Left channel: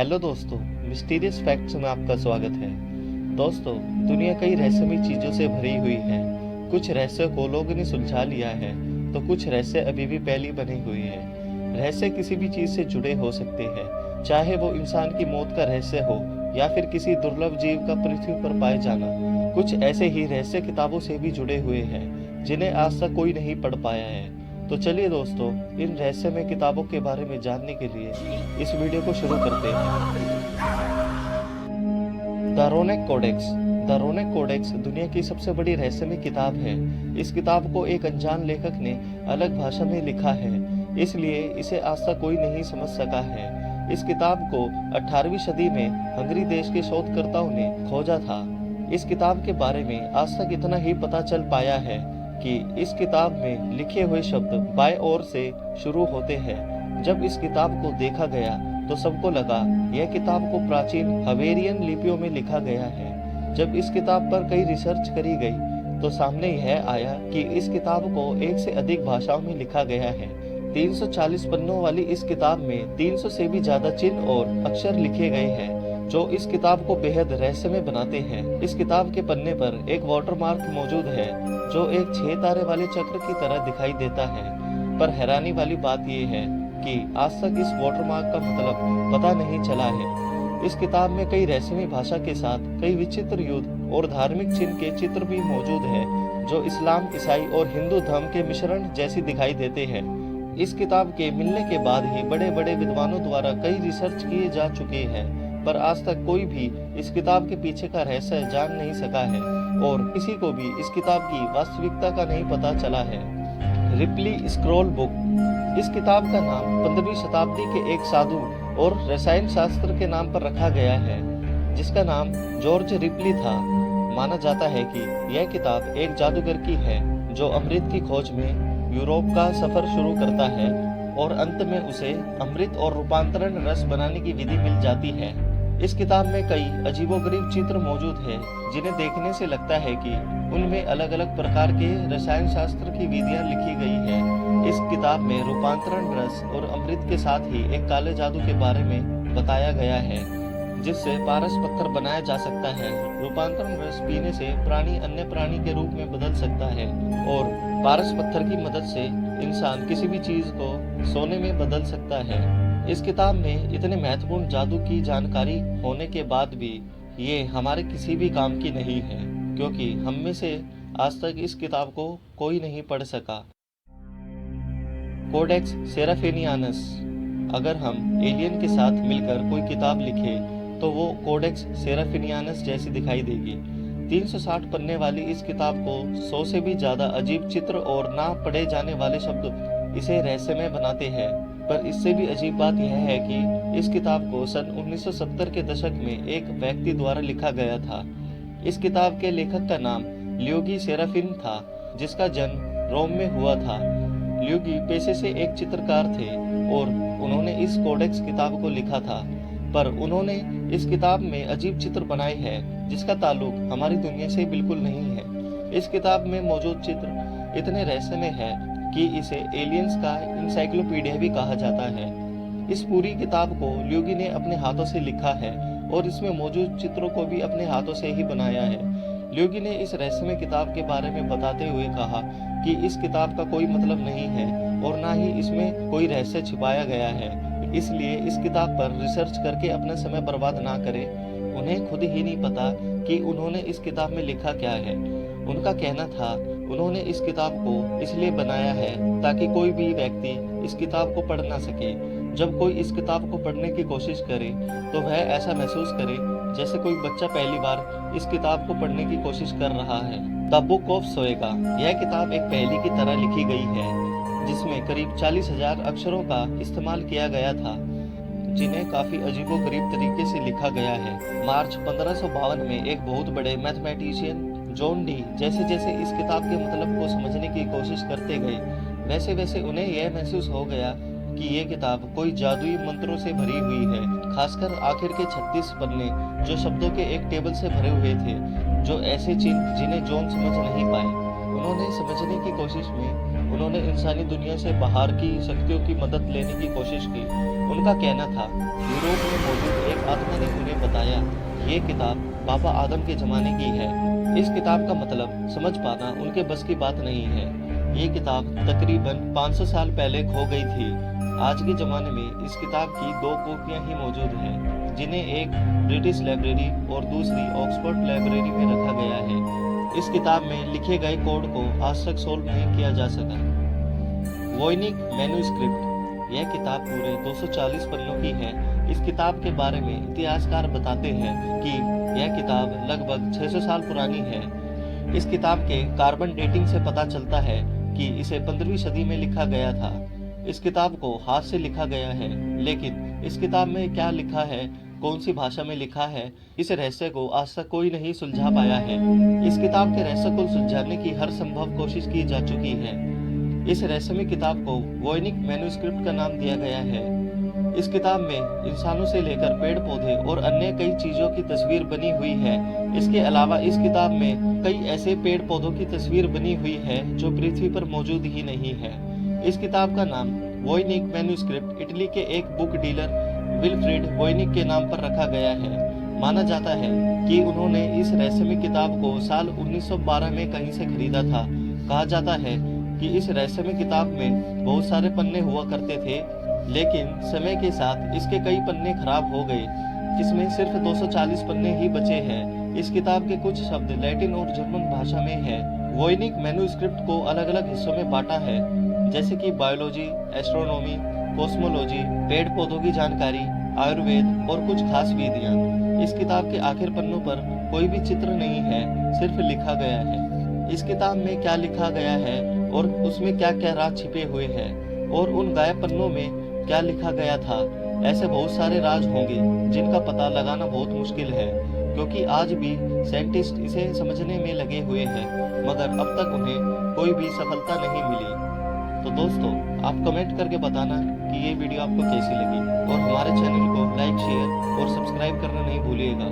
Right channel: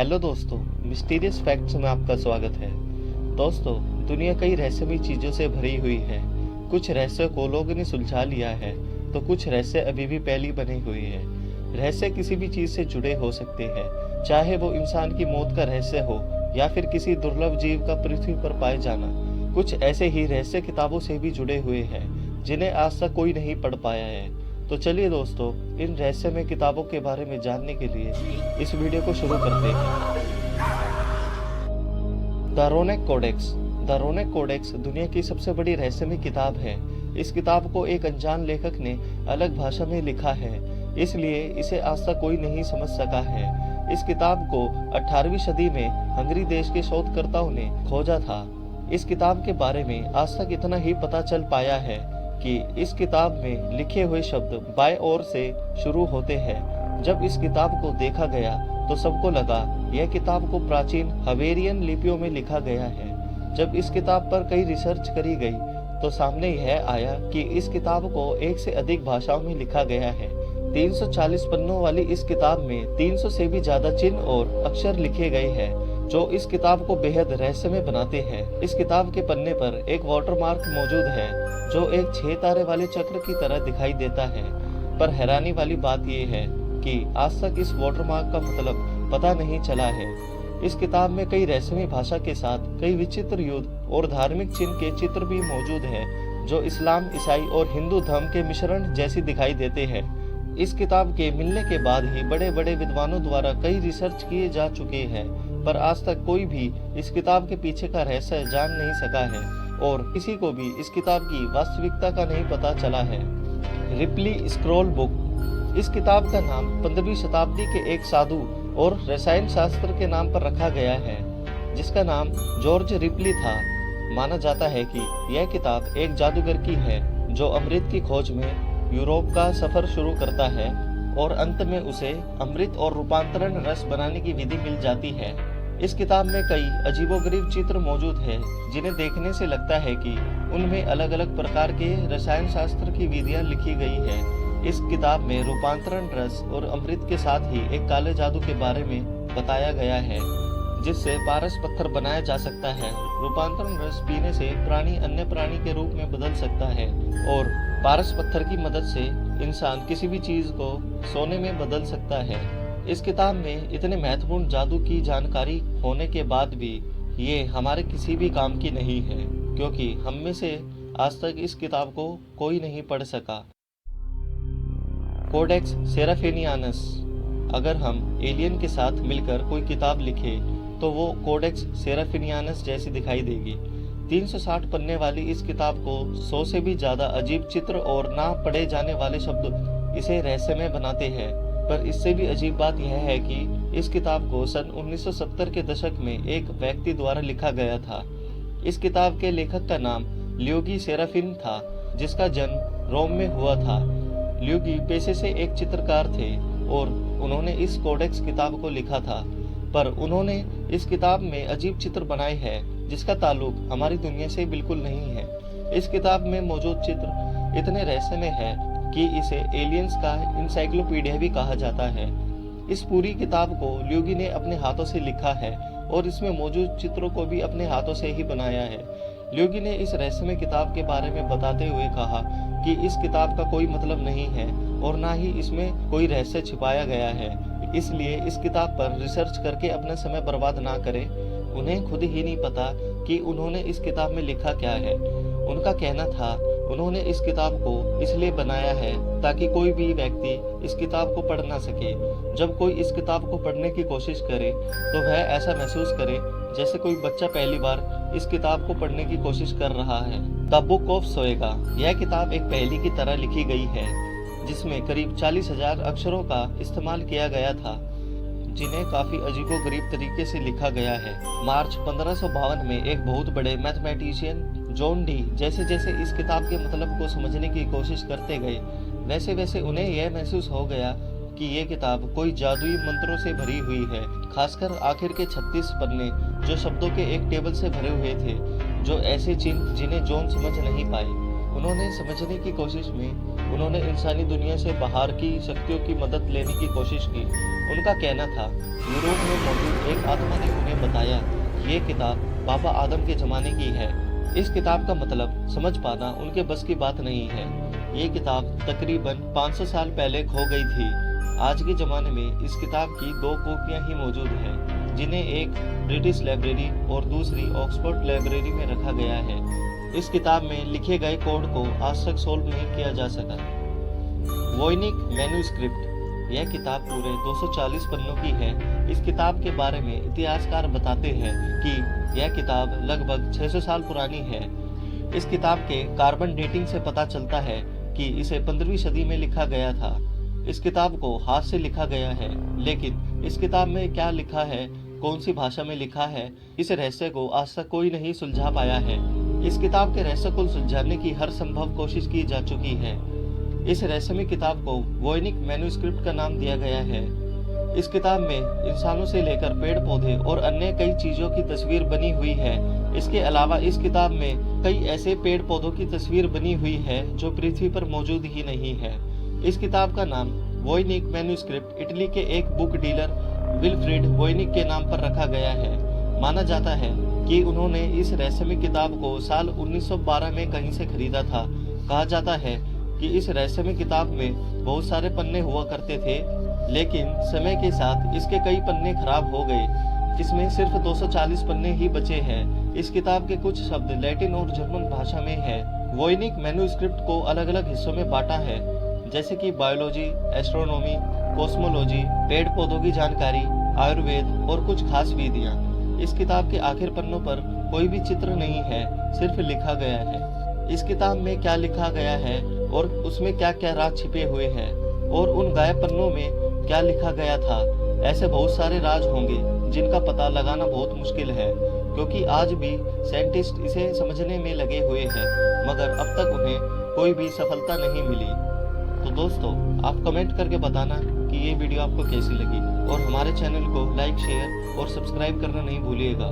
Hello दोस्तों, mysterious facts में आपका स्वागत है। दोस्तों, दुनिया कई रहस्यमयी चीज़ों से भरी हुई है। कुछ रहस्यों को लोगों ने सुलझा लिया है, तो कुछ रहस्य अभी भी पहली बने हुए हैं। रहस्य किसी भी चीज़ से जुड़े हो सकते हैं, चाहे वो इंसान की मौत का रहस्य हो या फिर किसी दुर्लभ जीव का पृथ्वी पर पाए जाना। कुछ ऐसे ही रहस्य किताबों से भी जुड़े हुए हैं, जिन्हें आज तक कोई नहीं पढ़ पाया है। तो चलिए दोस्तों, इन रहस्यमय किताबों के बारे में जानने के लिए इस वीडियो को शुरू करते हैं। The Rohonc Codex. The Rohonc Codex दुनिया की सबसे बड़ी रहस्यमय किताब है। इस किताब को एक अनजान लेखक ने अलग भाषा में लिखा है, इसलिए इसे आज तक कोई नहीं समझ सका है। इस किताब को 18वीं सदी में हंगरी देश के शोधकर्ताओं ने खोजा था। इस किताब के बारे में आज तक इतना ही पता चल पाया है कि इस किताब में लिखे हुए शब्द बाएं ओर से शुरू होते हैं। जब इस किताब को देखा गया तो सबको लगा यह किताब को प्राचीन हवेरियन लिपियों में लिखा गया है। जब इस किताब पर कई रिसर्च करी गई तो सामने यह आया कि इस किताब को एक से अधिक भाषाओं में लिखा गया है। 340 पन्नों वाली इस किताब में 300 से भी ज्यादा चिन्ह और अक्षर लिखे गए हैं, जो इस किताब को बेहद रहस्यमय बनाते हैं। इस किताब के पन्ने पर एक वाटरमार्क मौजूद है, जो एक 6 तारे वाले चक्र की तरह दिखाई देता है। पर हैरानी वाली बात यह है कि आज तक इस वाटरमार्क का मतलब पता नहीं चला है। इस किताब में कई रहस्यमय भाषा के साथ कई विचित्र युद्ध और धार्मिक चिन्ह के चित्र भी मौजूद है, जो इस्लाम, ईसाई और हिंदू धर्म के मिश्रण जैसी दिखाई देते हैं। इस किताब के मिलने के बाद ही बड़े बड़े विद्वानों द्वारा कई रिसर्च किए जा चुके हैं, पर आज तक कोई भी इस किताब के पीछे का रहस्य जान नहीं सका है और किसी को भी इस किताब की वास्तविकता का नहीं पता चला है। Ripley scroll book. इस किताब का नाम 15वीं शताब्दी के एक साधु और रसायन शास्त्र के नाम पर रखा गया है, जिसका नाम जॉर्ज रिपली था। माना जाता है कि यह किताब एक जादूगर की है, जो अमृत की खोज में यूरोप का सफर शुरू करता है और अंत में उसे अमृत और रूपांतरण रस बनाने की विधि मिल जाती है। इस किताब में कई अजीबोगरीब चित्र मौजूद हैं, जिन्हें देखने से लगता है कि उनमें अलग अलग प्रकार के रसायन शास्त्र की विधियां लिखी गई हैं। इस किताब में रूपांतरण रस और अमृत के साथ ही एक काले जादू के बारे में बताया गया है, जिससे पारस पत्थर बनाया जा सकता है। रूपांतरण रस पीने से प्राणी अन्य प्राणी के रूप में बदल सकता है और पारस पत्थर की मदद से इंसान किसी भी चीज को सोने में बदल सकता है। इस किताब में इतने महत्वपूर्ण जादू की जानकारी होने के बाद भी ये हमारे किसी भी काम की नहीं है, क्योंकि हम में से आज तक इस किताब को कोई नहीं पढ़ सका। कोडेक्स सेराफिनियानस। अगर हम एलियन के साथ मिलकर कोई किताब लिखे तो वो कोडेक्स सेराफिनियानस जैसी दिखाई देगी। 360 पन्ने वाली इस किताब को 100 से भी ज्यादा अजीब चित्र और ना पढ़े जाने वाले शब्द इसे रहस्यमय बनाते हैं। पर इससे भी अजीब बात यह है कि इस किताब को सन 1970 के दशक में एक व्यक्ति द्वारा लिखा गया था। इस किताब के लेखक का नाम ल्यूगी सेराफिन था, जिसका जन्म रोम में हुआ था। ल्यूगी पेशे से एक चित्रकार थे और उन्होंने इस कोडेक्स किताब को लिखा था, पर उन्होंने इस किताब में अजीब चित्र बनाए हैं, जिसका ताल्लुक हमारी दुनिया से बिल्कुल नहीं है। इस किताब में मौजूद चित्र इतने रहस्यमय है कि इसे एलियंस का इंसाइक्लोपीडिया भी कहा जाता है। इस पूरी किताब को ल्यूगी ने अपने हाथों से लिखा है और इसमें मौजूद चित्रों को भी अपने हाथों से ही बनाया है। ल्यूगी ने इस रहस्यमय किताब के बारे में बताते हुए कहा कि इस किताब का कोई मतलब नहीं है और ना ही इसमें कोई रहस्य छिपाया गया है, इसलिए इस किताब पर रिसर्च करके अपना समय बर्बाद ना करें। उन्हें खुद ही नहीं पता कि उन्होंने इस किताब में लिखा क्या है। उनका कहना था उन्होंने इस किताब को इसलिए बनाया है ताकि कोई भी व्यक्ति इस किताब को पढ़ ना सके। जब कोई इस किताब को पढ़ने की कोशिश करे तो वह ऐसा महसूस करे जैसे कोई बच्चा पहली बार इस किताब को पढ़ने की कोशिश कर रहा है। द बुक ऑफ सोएगा। यह किताब एक पहेली की तरह लिखी गई है, जिसमें करीब 40,000 अक्षरों का इस्तेमाल किया गया था, जिन्हें काफी अजीबोगरीब तरीके से लिखा गया है। मार्च 1552 में एक बहुत बड़े मैथमेटिशियन जॉन डी जैसे जैसे इस किताब के मतलब को समझने की कोशिश करते गए, वैसे वैसे उन्हें यह महसूस हो गया कि ये किताब कोई जादुई मंत्रों से भरी हुई है। खासकर आखिर के 36 पन्ने, जो शब्दों के एक टेबल से भरे हुए थे, जो ऐसे चिन्ह जिन्हें जॉन समझ नहीं पाए। उन्होंने समझने की कोशिश में उन्होंने इंसानी दुनिया से बाहर की शक्तियों की मदद लेने की कोशिश की। उनका कहना था, यूरोप में मौजूद एक आत्मा ने उन्हें बताया, ये किताब बाबा आदम के ज़माने की है। इस किताब का मतलब समझ पाना उनके बस की बात नहीं है। ये किताब तकरीबन 500 साल पहले खो गई थी। आज के ज़माने में इस किताब की 2 कॉपियाँ ही मौजूद हैं, जिन्हें एक ब्रिटिश लाइब्रेरी और दूसरी ऑक्सफोर्ड लाइब्रेरी में रखा गया है। इस किताब में लिखे गए कोड को आज तक सोल्व नहीं किया जा सका। वोयनिक मैन्युस्क्रिप्ट, यह किताब पूरे 240 पन्नों की है। इस किताब के बारे में इतिहासकार बताते हैं कि यह किताब लगभग 600 साल पुरानी है। इस किताब के कार्बन डेटिंग से पता चलता है कि इसे 15वीं सदी में लिखा गया था। इस किताब को हाथ से लिखा गया है, लेकिन इस किताब में क्या लिखा है, कौन सी भाषा में लिखा है, इस रहस्य को आज तक कोई नहीं सुलझा पाया है। इस किताब के रहस्य को सुलझाने की हर संभव कोशिश की जा चुकी है। इस रहस्यमय किताब को वोयनिक मैन्युस्क्रिप्ट का नाम दिया गया है। इस किताब में इंसानों से लेकर पेड़ पौधे और अन्य कई चीजों की तस्वीर बनी हुई है। इसके अलावा इस किताब में कई ऐसे पेड़ पौधों की तस्वीर बनी हुई है जो पृथ्वी पर मौजूद ही नहीं है। इस किताब का नाम वोयनिक मैन्युस्क्रिप्ट इटली के एक बुक डीलर विल्फ्रेड वोयनिक के नाम पर रखा गया है। माना जाता है कि उन्होंने इस रहस्यमय किताब को साल 1912 में कहीं से खरीदा था। कहा जाता है कि इस रहस्यमय किताब में बहुत सारे पन्ने हुआ करते थे, लेकिन समय के साथ इसके कई पन्ने खराब हो गए, जिसमें सिर्फ 240 पन्ने ही बचे हैं। इस किताब के कुछ शब्द लैटिन और जर्मन भाषा में है। वोयनिक मैन्युस्क्रिप्ट को अलग अलग हिस्सों में बांटा है, जैसे कि बायोलॉजी, एस्ट्रोनॉमी, कॉस्मोलॉजी, पेड़ पौधों की जानकारी, आयुर्वेद और कुछ खास विधियां। इस किताब के आखिर पन्नों पर कोई भी चित्र नहीं है, सिर्फ लिखा गया है। इस किताब में क्या लिखा गया है और उसमें क्या क्या राज छिपे हुए हैं और उन गायब पन्नों में क्या लिखा गया था, ऐसे बहुत सारे राज होंगे जिनका पता लगाना बहुत मुश्किल है, क्योंकि आज भी साइंटिस्ट इसे समझने में लगे हुए हैं, मगर अब तक उन्हें कोई भी सफलता नहीं मिली। तो दोस्तों, आप कमेंट करके बताना कि ये वीडियो आपको कैसी लगी और हमारे चैनल को लाइक, शेयर और सब्सक्राइब करना नहीं भूलिएगा।